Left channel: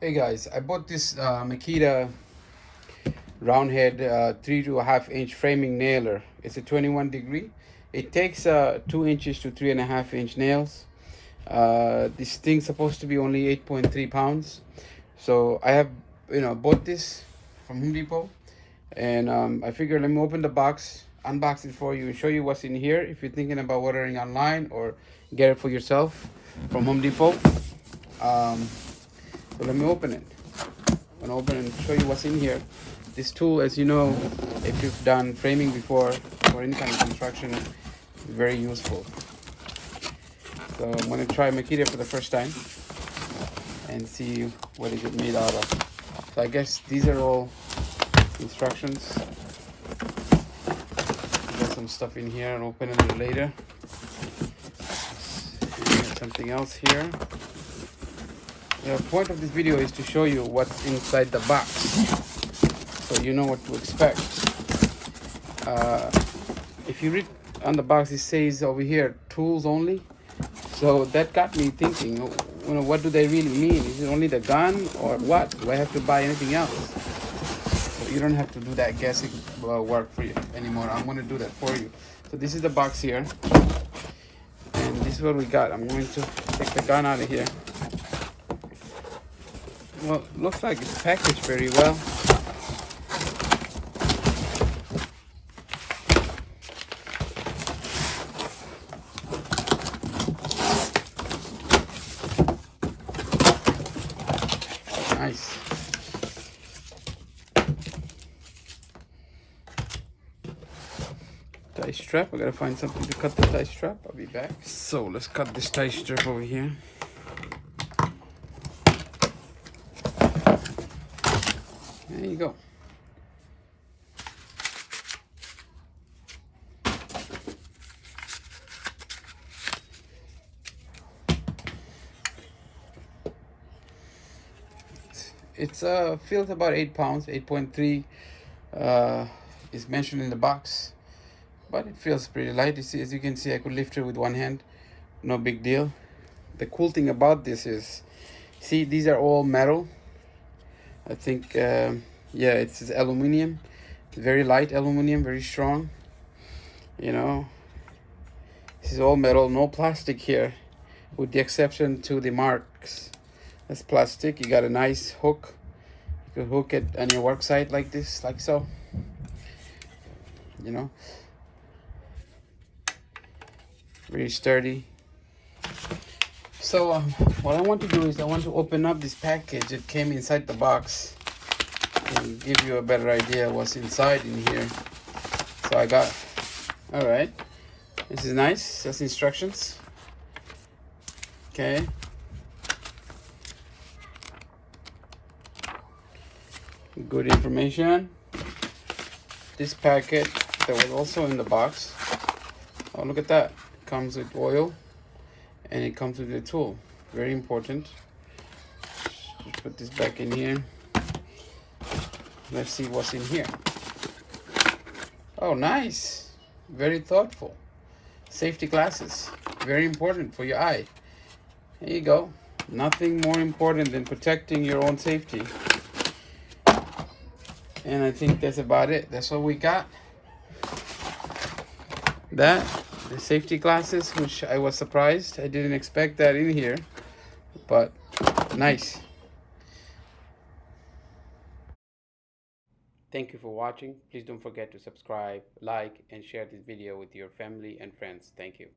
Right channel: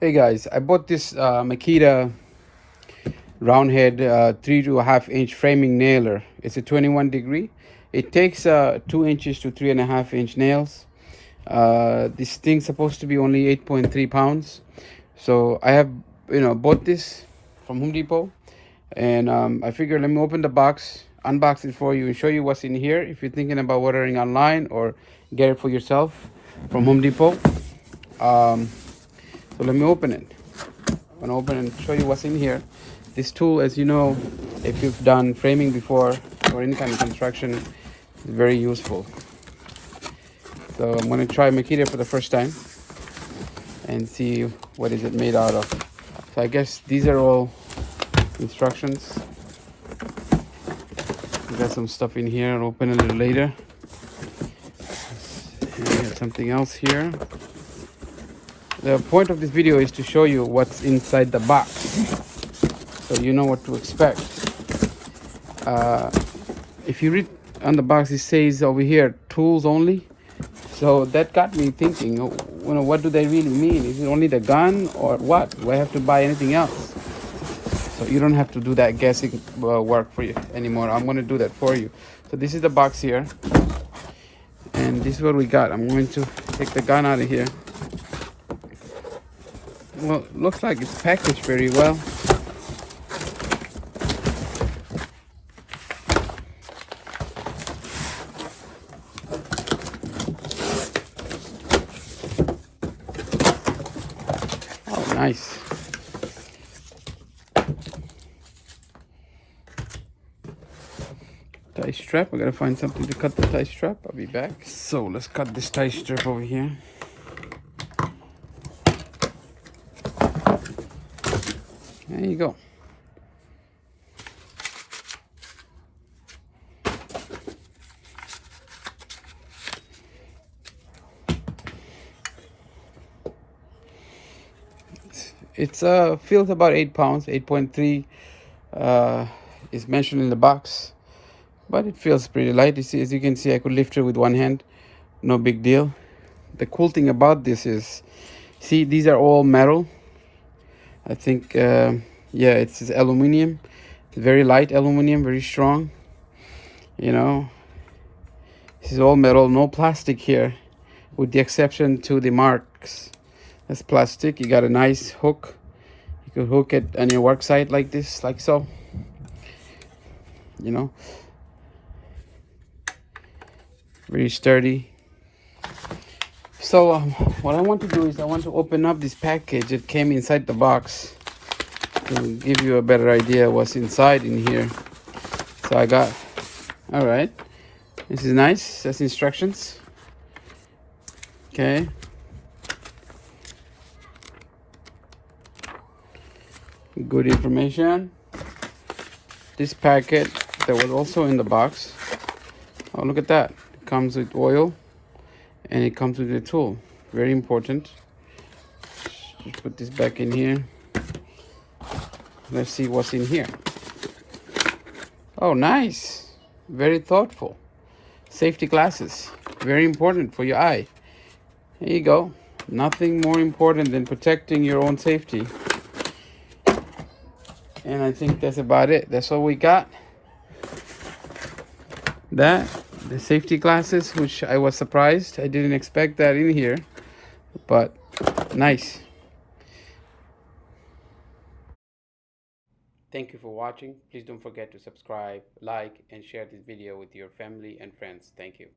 Hey guys, I bought this Makita round head 3.5 inch framing nailer. It's a 21 degree. It takes 2 inches to 3.5 inch nails. This thing's supposed to be only 8.3 pounds. So I have bought this from Home Depot, and I figured let me open the box, unbox it for you, and show you what's in here if you're thinking about ordering online or get it for yourself from Home Depot. So let me open it. I'm gonna open and show you what's in here. This tool, as you know, if you've done framing before or any kind of construction, is very useful. So I'm gonna try Makita for the first time and see what is it made out of. So I guess these are all instructions. Got some stuff in here. I'll open it later. Something else here. The point of this video is to show you what's inside the box, so you know what to expect. If you read on the box, it says over here tools only, so that got me thinking, what do they really mean? Is it only the gun or what? Do I have to buy anything else? So you don't have to do that guessing work for you anymore. I'm going to do that for you. So this is the box here, and this is what we got. I'm going to take the gun out of here. Well, looks like it's packaged very well. Nice. Tie strap. I gotta find something to cut the tie strap. I'll be back. So let's cut this tie strap over here. There you go. It's feels about 8 pounds. 8.3 is mentioned in the box, but it feels pretty light. As you can see, I could lift it with one hand, no big deal. The cool thing about this is, see, these are all metal. I think yeah, it's aluminum. It's very light aluminum, very strong. This is all metal, no plastic here, with the exception to the marks. That's plastic. You got a nice hook. You could hook it on your work site like this, like so. Very sturdy. So what I want to do is I want to open up this package that came inside the box to give you a better idea what's inside in here. So I got, all right, this is nice. That's instructions. Okay. Good information. This packet that was also in the box. Oh, look at that. It comes with oil and it comes with a tool. Very important. Just put this back in here. Let's see what's in here. Oh, nice. Very thoughtful. Safety glasses. Very important for your eye. There you go. Nothing more important than protecting your own safety. And I think that's about it. That's all we got. The safety glasses, which I was surprised. I didn't expect that in here, but nice. Thank you for watching. Please don't forget to subscribe, like, and share this video with your family and friends. Thank you.